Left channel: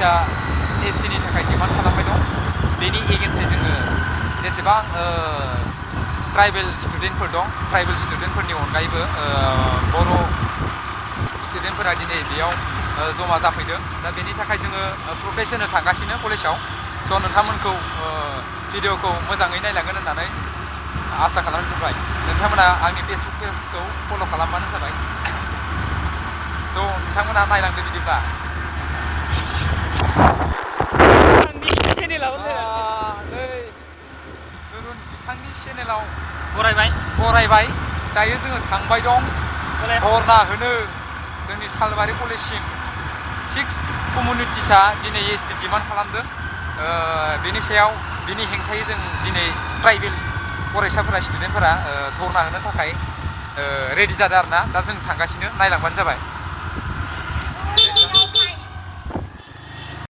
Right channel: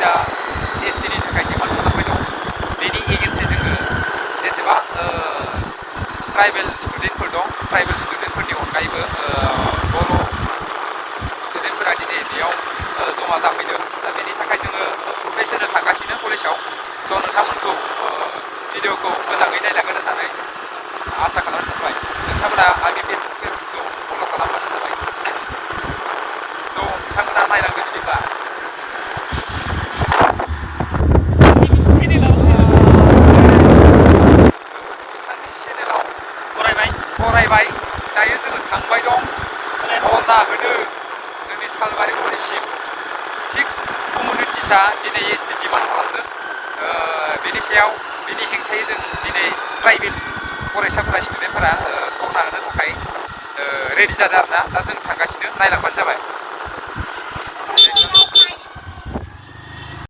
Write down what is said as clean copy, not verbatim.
कलेजा एसटिनि थाखाय डिमान्ड खालामबाय दं बेनि एगेन्स्टै जोङो जेसेबां ट्राइबेल स्टुडेन्टफोर दं ट्राइबेल स्टुडेन्टफोरनि अनगायैबो बर' स्टुडेन्टफोरा दिनै बेयाव जमा जाफैदों दा बेनि थाखाय जोङो प्रटेस्ट होनो थांगासिनो कलेजाव स' नोंथांमोनखौ भिडिअखौ मोजाङै नायलांगोन होननानै आसा खालामनाय थाबाय नोंथांमोना आंनि फेसबुक पेजखौ फल' खालामबानो जाबाय स' नोंथांमोना नायलांदो बिदिब्ला बिथांनि चेनेलाव बरायबाय दायो जोङो थांबाय दं धर्ना होनो जोंनि सालबारि कलेजसिम 6 कमिउनिटिसा दिनै एसटि डिमान्ड खालामदों बेनि सायाव बिनि हेंथायै जों दिनै ट्राइबेल फरायसाफोरा स्टुडेन्टफोरा धर्ना होनो थाखाय रेडि जादों आरोना दा जों थांगासिनो नायलांबानो जाबाय